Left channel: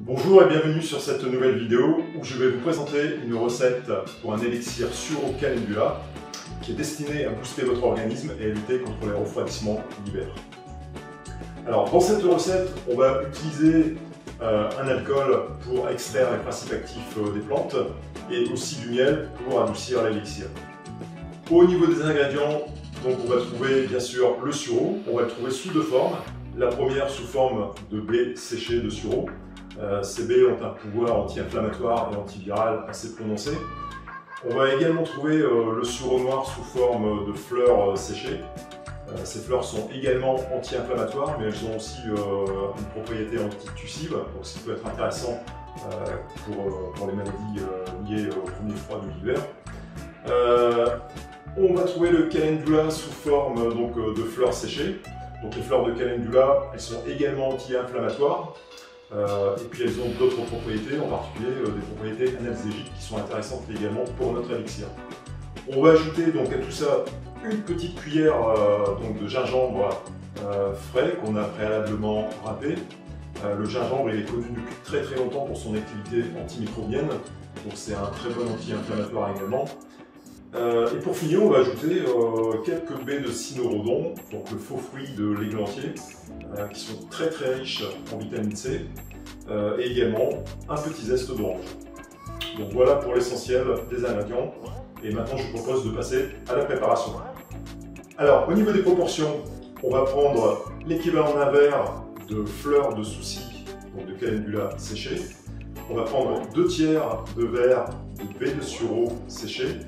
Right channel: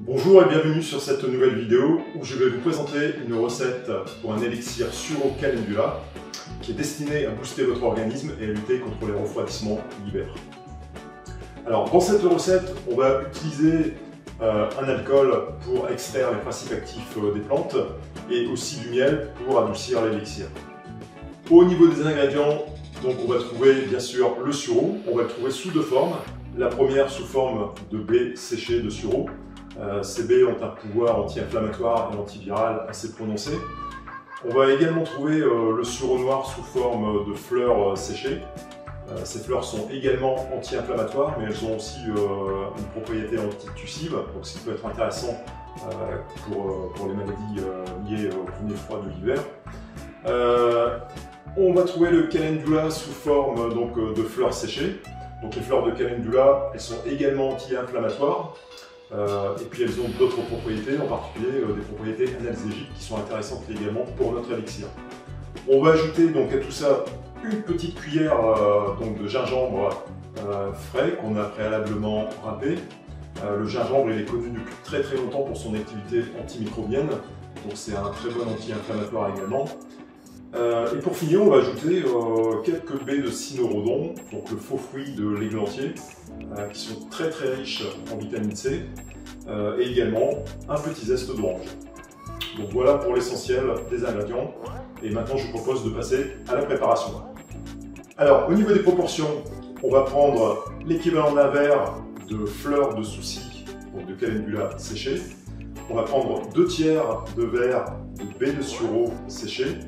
Bonjour et bienvenue sur cette nouvelle vidéo où je vais vous présenter une recette pour un élixir Suro Calendula qui est destiné à booster votre organisme et à lutter contre les refroidissements l'hiver. Alors dans cette recette, on va utiliser un alcool pour extraire les principes actifs des plantes et aussi du miel pour adoucir l'élixir. Au niveau des ingrédients, donc on va trouver bien sûr le sureau. On va le trouver sous deux formes. La première sous forme de baies séchées de sureau. Ces baies ont un pouvoir anti-inflammatoire et antiviral assez prononcé. On va également trouver le sureau noir sous forme de fleurs séchées. Ces fleurs sont également anti-inflammatoires, mais elles ont aussi une propriété antitussive, donc ce qui peut être intéressant pour les maladies liées au premier froid de l'hiver. On va trouver le calendula sous forme de fleurs séchées. Donc les fleurs de calendula, elles sont également anti-inflammatoires. Et puis elles ont d'autres propriétés, en particulier des propriétés analgésiques qui sont intéressantes également pour notre élixir. On va ajouter donc à tout ça une petite cuillère de gingembre frais qu'on a préalablement râpé. Le gingembre il est connu depuis très longtemps pour son activité antimicrobienne, donc c'est un très bon anti-inflammatoire également. Et pour finir, on va ajouter quelques baies de cynorrhodon, donc le faux fruit de l'églantier, qui sont très riches en vitamine C, et également un petit zeste d'orange. Donc voilà pour l'essentiel des ingrédients, et maintenant je vous propose de passer à la préparation. Alors au niveau des proportions, on va prendre l'équivalent d'un verre de fleurs de souci, donc de calendula séchées. On va prendre 2 tiers de verre de baies de sureau séchées.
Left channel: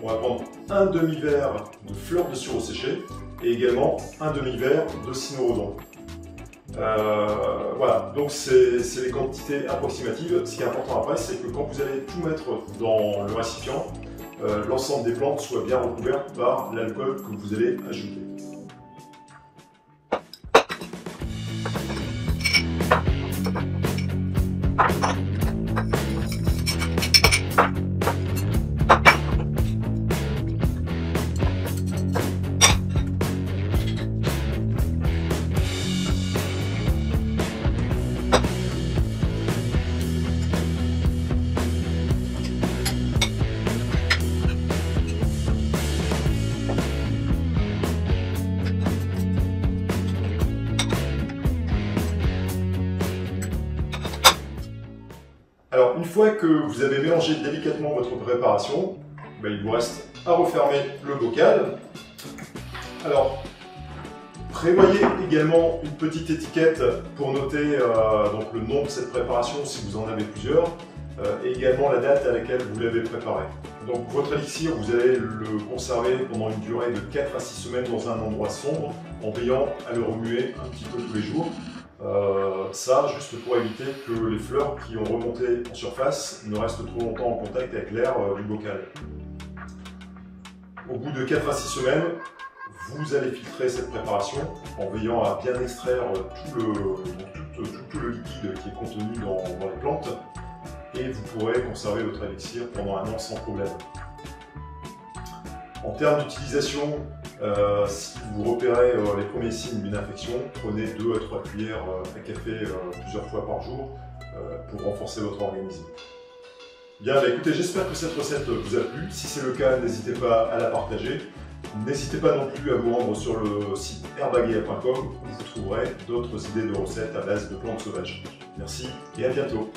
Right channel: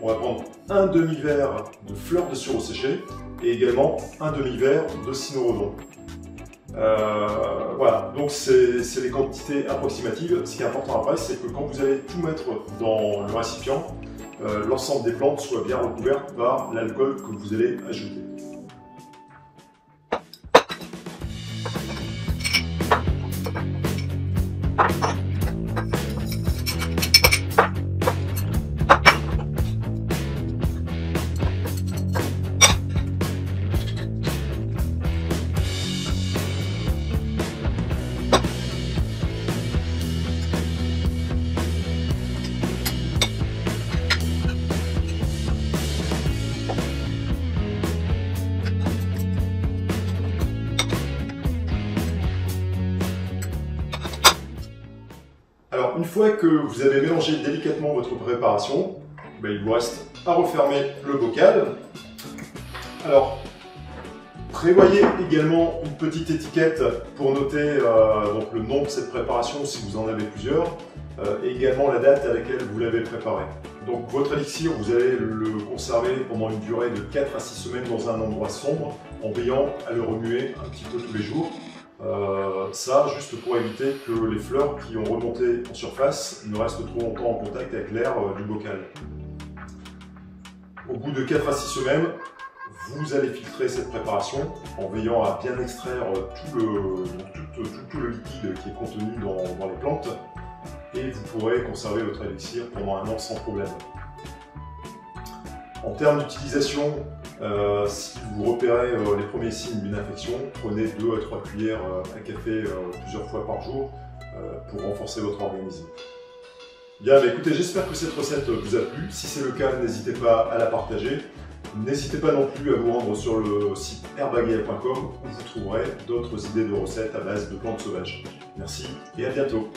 On va prendre un demi-verre de fleurs de sureau séchées et également un demi-verre de cynorrhodon. Voilà, donc c'est les quantités approximatives. Ce qui est important après, c'est que quand vous allez tout mettre dans le récipient, l'ensemble des plantes soit bien recouverte par l'alcool que vous allez ajouter. Alors, une fois que vous avez mélangé délicatement votre préparation, il vous reste à refermer le bocal. Alors, prévoyez également une petite étiquette pour noter le nom de cette préparation si vous en avez plusieurs, et également la date à laquelle vous l'avez préparé. Donc, votre élixir, vous allez le conserver pendant une durée de 4 à 6 semaines dans un endroit sombre, en veillant à le remuer un petit peu tous les jours. Ça, juste pour éviter que les fleurs qui ont remonté en surface ne restent trop longtemps en contact avec l'air du bocal. Au bout de 4 à 6 semaines, vous allez filtrer cette préparation en veillant à bien extraire tout le liquide qui est contenu dans les plantes et vous pourrez conserver votre élixir pendant un an sans problème. En termes d'utilisation, si vous repérez les premiers signes d'une infection, prenez 2 à 3 cuillères à café plusieurs fois par jour pour renforcer votre organisme. Bien, écoutez, j'espère que cette recette vous a plu. Si c'est le cas, n'hésitez pas à la partager. N'hésitez pas non plus à vous rendre sur le site herbagea.com où vous trouverez d'autres idées de recettes à base de plantes sauvages. Merci et à bientôt.